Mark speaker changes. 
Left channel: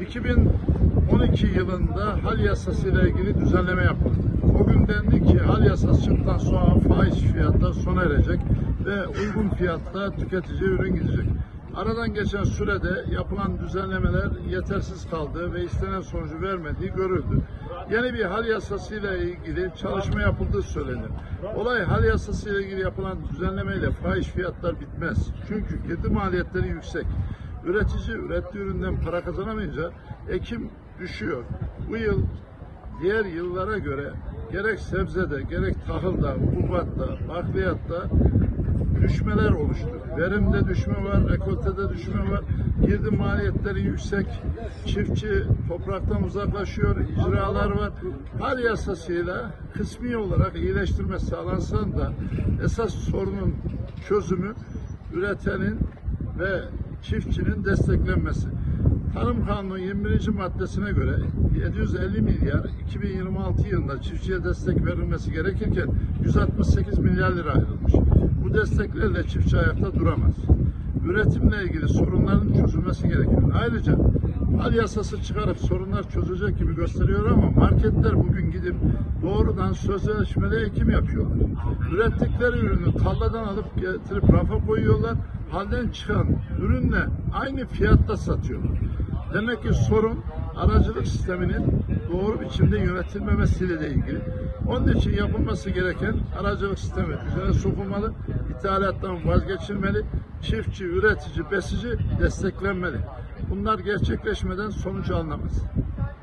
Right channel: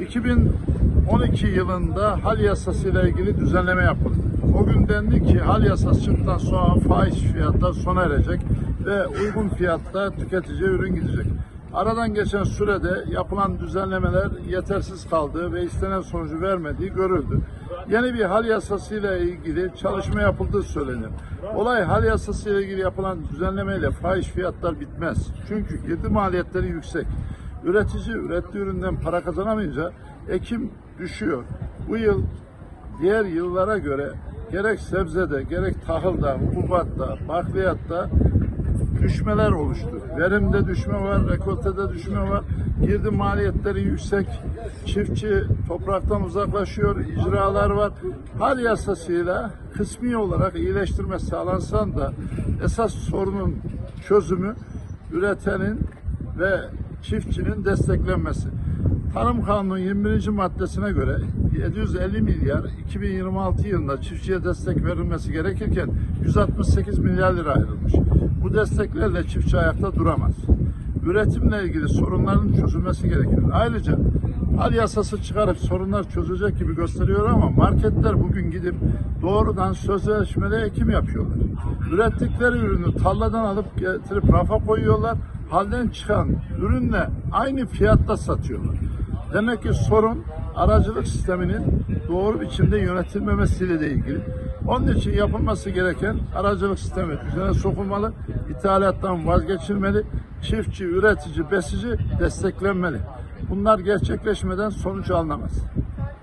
Speaker 1: 2012 yılında hal yasası ile ilgili düzenleme yapıldı. O gün dendi ki hal yasası çıktıktan sonra faiz fiyatlar sona erecek ve uygun fiyatta tüketiciye ürün gidecek. Aradan geçen sürede yapılan düzenlemeler yetersiz kaldı ve istenen sonucu vermediği görüldü. Yeni bir hal yasası ile ilgili çalışma yapıldığı söylenir. Olay hal yasası ile ilgili yapılan düzenlemeyle fahiş fiyatlar bitmez. Çünkü girdi maliyetleri yüksek. Üretici ürettiği üründen para kazanamayınca ekim düşüyor. Bu yıl diğer yıllara göre gerek sebzede, gerek tahılda, hububatta, bakliyatta düşmeler oluştu. Verimde düşme var, rekoltede düşme var. Girdi maliyetleri yüksek. Çiftçi topraktan uzaklaşıyor, icralar var. Hal yasasıyla kısmi olarak iyileştirme sağlansan da esas sorunun çözümü üretenin ve çiftçinin desteklenmesi. Tarım Kanunu 21. maddesine göre 750 milyar 2026 yılında çiftçiye destek verilmesi gerekirken 168 milyar lira ayrılmış. Bu desteklerle çiftçi ayakta duramaz. Üretimle ilgili sorunların çözülmesi gerekiyor. Ayrıca hal yasası çıkarıp sorunlar çözecek gibi gösteriyor ama marketler bugün gidip doğrudan sözleşmeli ekim yapıyorlar. Ürettikleri ürünü tarladan alıp getirip rafa koyuyorlar. Halden çıkan ürünle aynı fiyatta satıyorlar. Demek ki sorun aracılık sisteminin doğru biçimde yönetilmemesiyle de ilgili. Onun için yapılması gereken aracılık sistemi düzene sokulmalı, ithalattan vazgeçilmeli, çiftçi, üretici, besici desteklenmeli. Bunlar gerçekleşmeden sonuç alınamaz.